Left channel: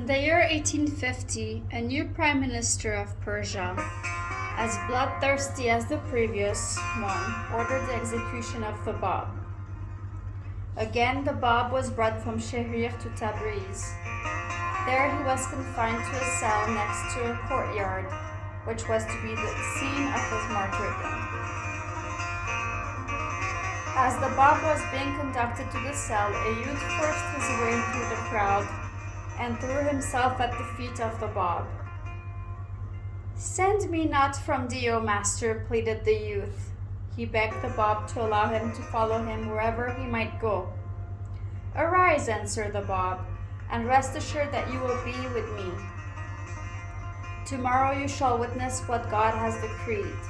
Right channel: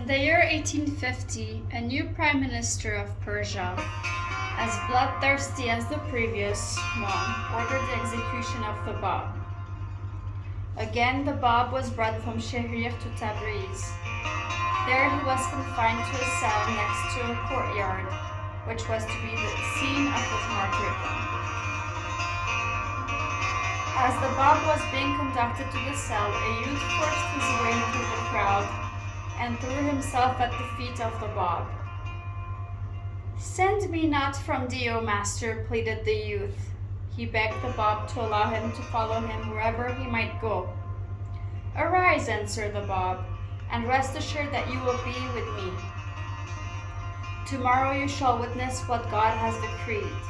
In the year 1850, a new prime minister of Persia, as bloodthirsty as the previous one, ordered the execution of the BAB. Again, the BAB was brought from Shahrir to Tabriz. There he was confined to a cell next to a courtyard, which was to be the scene of his martyrdom. As the BAB was being conducted to the cell, a youth forced his way through the crowd and threw himself at the feet of the BAB. "Send me not from thee, O master," pleaded the youth. He begged the BAB to allow him to follow him wherever he might go. "Arise," answered the BAB, "and rest assured that you will be with me. Tomorrow you shall witness what God has decreed."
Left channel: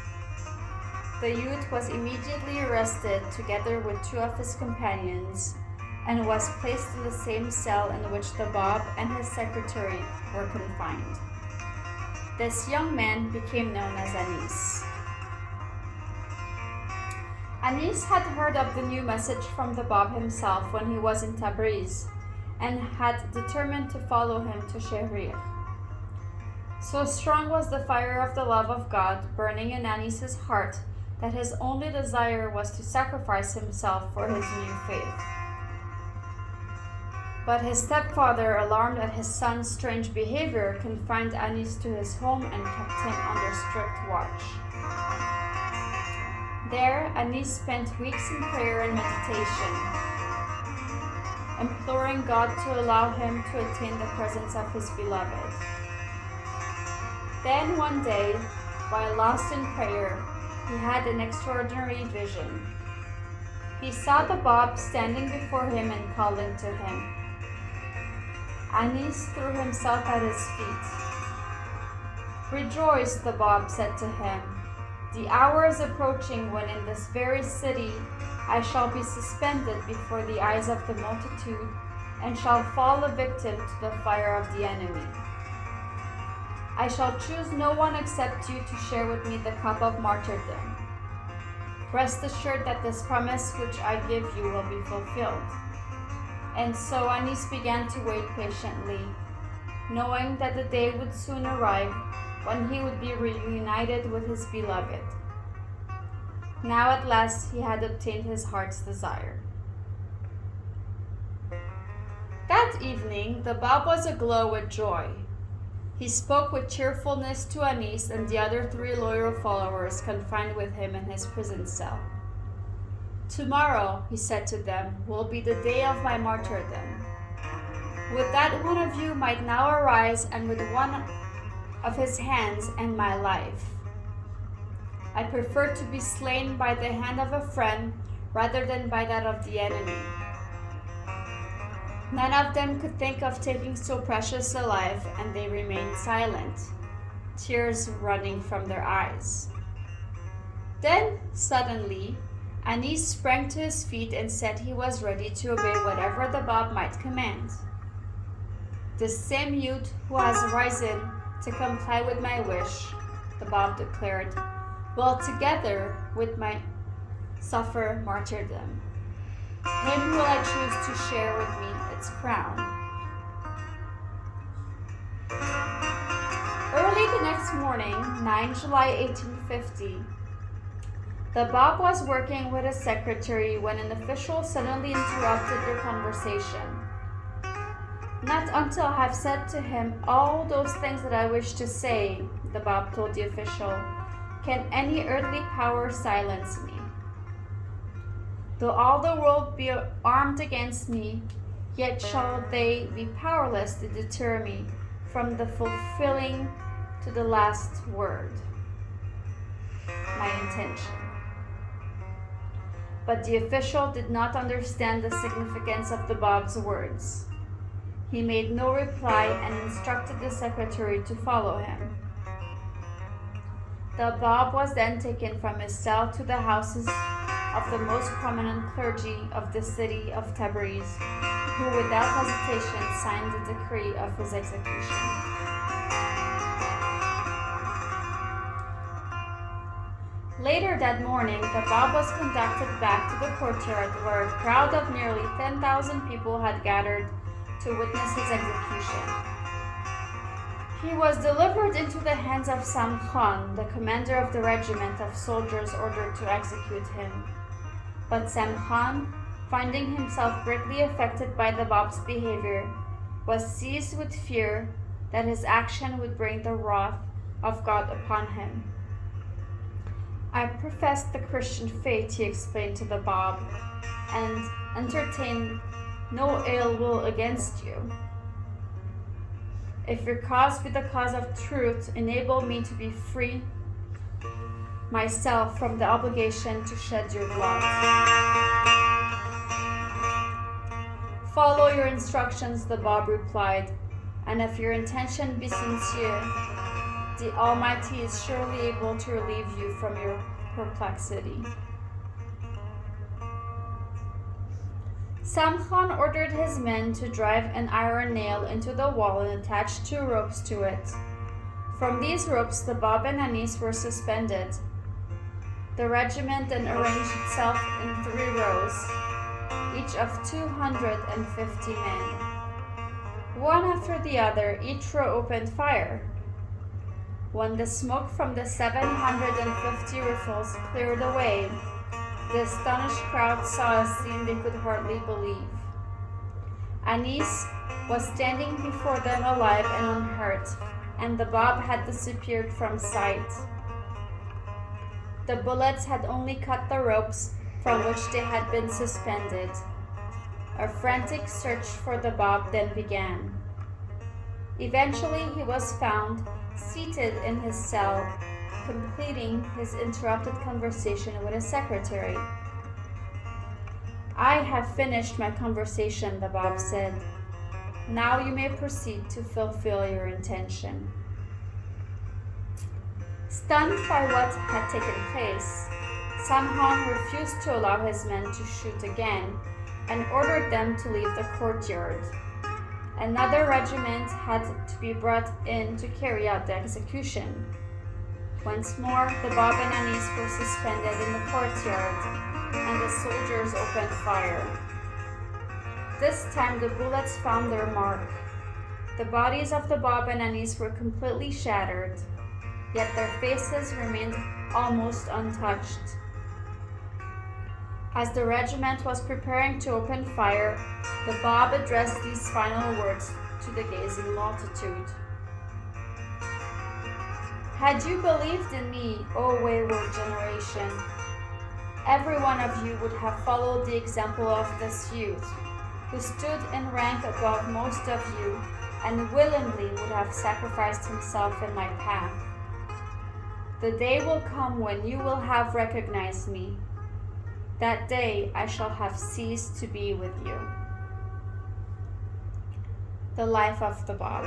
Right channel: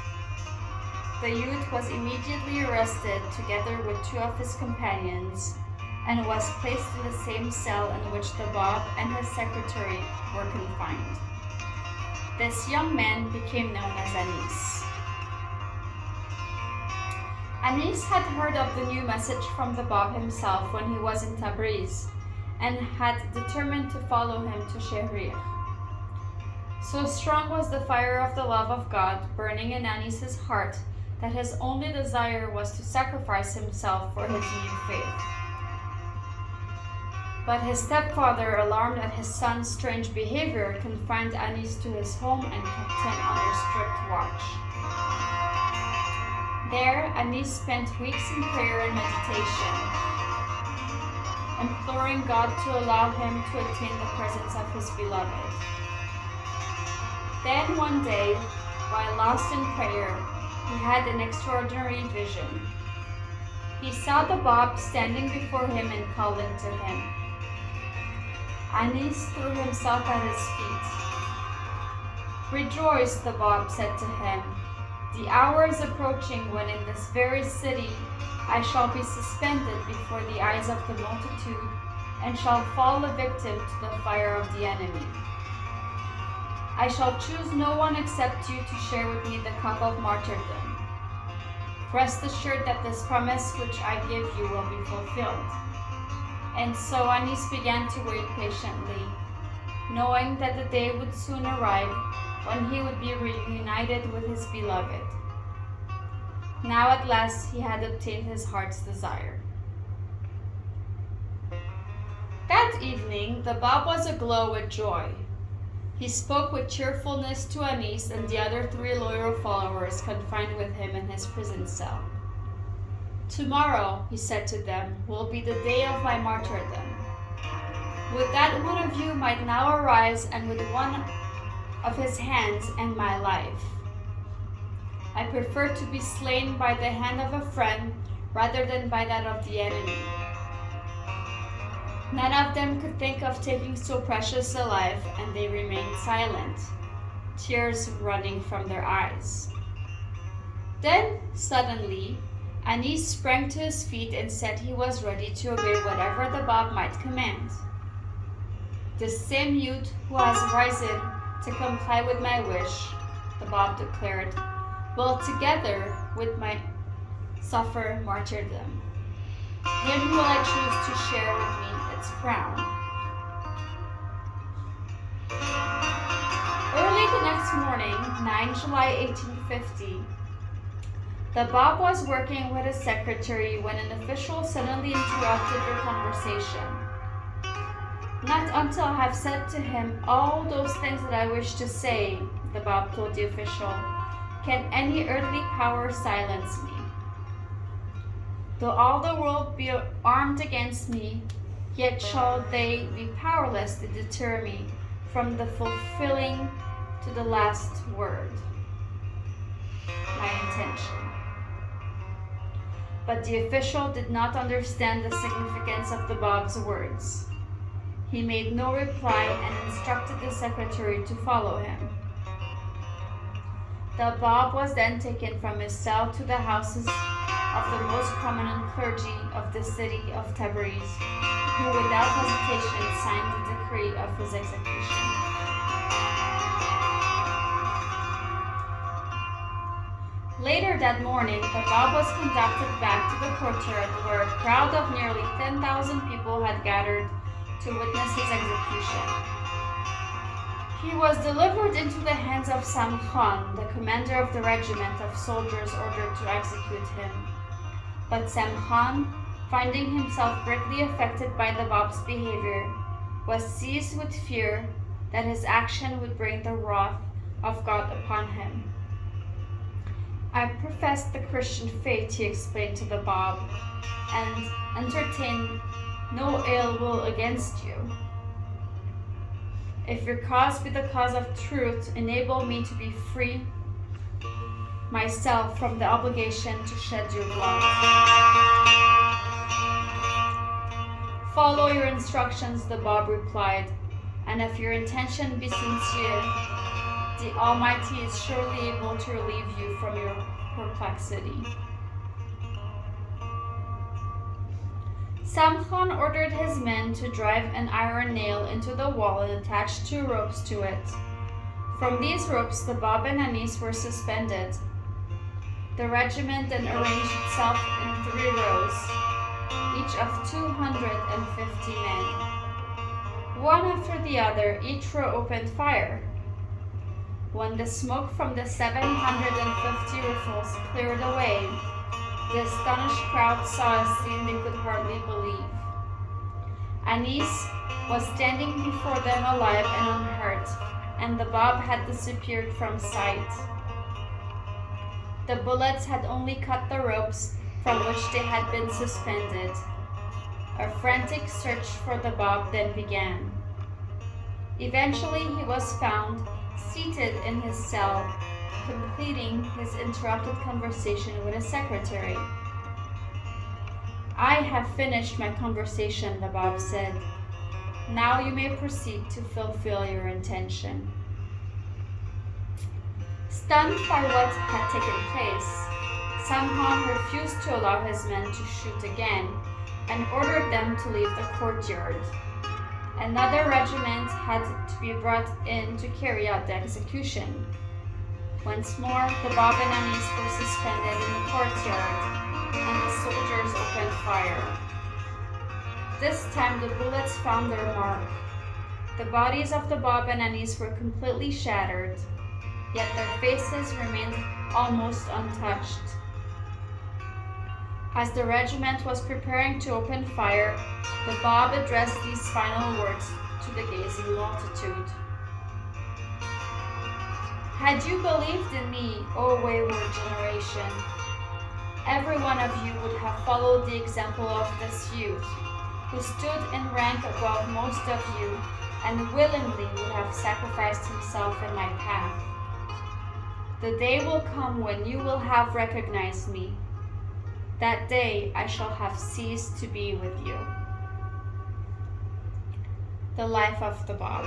The youth was immediately arrested together with two of his companions and was placed in the same cell in which the BAB and his secretary were confined. This young man became known as Anis. Anis had heard of the new message from the BAB himself when he was in Tabriz and had determined to follow him to Shahrir. So strong was the fire of the love of God burning in Anis's heart that his only desire was to sacrifice himself for his new faith. But his stepfather, alarmed at his son's strange behavior, confined Anis to his home and kept him under strict watch. There, Anis spent weeks in prayer and meditation, imploring God to allow him to attain the presence of his beloved. Then one day, while lost in prayer, he had an extraordinary vision. He saw the BAB standing before him and called to him. Anis threw himself at his feet. "Rejoice," the BAB said to him. "The hour is approaching when in this very city I shall be suspended before the eyes of the multitude and shall fall a victim to the fire of the enemy. I shall choose no one except you to share with me the cup of martyrdom. Rest assured that this promise which I give you will be fulfilled." And so Anis began to wait patiently, knowing that the day would soon arrive when he would be reunited with his beloved. Now at last he had obtained his heart's desire. That evening, the BAB was aglow with joy. He spoke with cheerfulness to Anis and the other 3 loyal followers confined with him in his prison cell. "Tomorrow," he said to them, "will be the day of my martyrdom. Would that one of you might now arise and with one of his hands end my life. I prefer to be slain by the hand of a friend rather than by that of the enemy." None of them could think of taking so precious a life, and they remained silent, tears running from their eyes. Then, suddenly, Anis sprang to his feet and said he was ready to obey whatever the BAB might command. "The same youth who has risen to comply with my wish," the BAB declared, "will together with my suffer martyrdom. Him will I choose to share with me its crown." Early the next morning, 9 July 1850, the BAB was working with his secretary when an official suddenly interrupted their conversation. "Not until I have said to him all those things that I wish to say," the BAB told the official, "can any earthly power silence me. Though all the world be armed against me, yet shall they be powerless to deter me from the fulfilling to the last word my intention." But the official did not understand the significance of the BAB's words. He made no reply and instructed the secretary to follow him. The BAB was then taken from his cell to the houses of the most prominent clergy of the city of Tabriz, who without hesitation signed the decree of his execution. Later that morning, the BAB was conducted back to the courtyard where a crowd of nearly 10,000 people had gathered to witness his execution. He was delivered into the hands of Samkhan, the commander of the regiment of soldiers ordered to execute him. But Samkhan, finding himself greatly affected by the Bab's behavior, was seized with fear that his action would bring the wrath of God upon him. I profess the Christian faith, he explained to the Bab, and entertain no ill will against you. If your cause be the cause of truth, enable me to be free myself from the obligation to shed your blood. Follow your instructions, the Bab replied, and if your intention be sincere, the Almighty is surely able to relieve you from your perplexity. Samkhan ordered his men to drive an iron nail into the wall and attach 2 ropes to it. From these ropes, the Bab and Anis were suspended. The regiment then arranged itself in 3 rows, each of 250 men. One after the other, each row opened fire. When the smoke from the 750 rifles cleared away, the astonished crowd saw a scene they could hardly believe. Anis was standing before them alive and unhurt, and the Bab had disappeared from sight. The bullets had only cut the ropes from which they had been suspended. A frantic search for the Bab then began. Eventually he was found seated in his cell, completing his interrupted conversation with a secretary. I have finished my conversation, the Bab said. Now you may proceed to fulfill your intention. Stunned by what had taken place, Samkhan refused to allow his men to shoot again and ordered them to leave the courtyard. Another regiment had to be brought in to carry out the execution. Once more, the Bab and Anis were suspended in the courtyard, and the soldiers opened fire. This time, the bullets found their mark. The bodies of the Bab and Anis were completely shattered, yet their faces remained almost untouched. As the regiment was preparing to open fire, the Bab addressed these final words to the gazing multitude. Had you believed in me, O wayward generation, every one of you would have followed the example of this youth, who stood in rank above most of you and willingly would have sacrificed himself in my path. The day will come when you will have recognized me. That day I shall have ceased to be with you. The life of the Bab.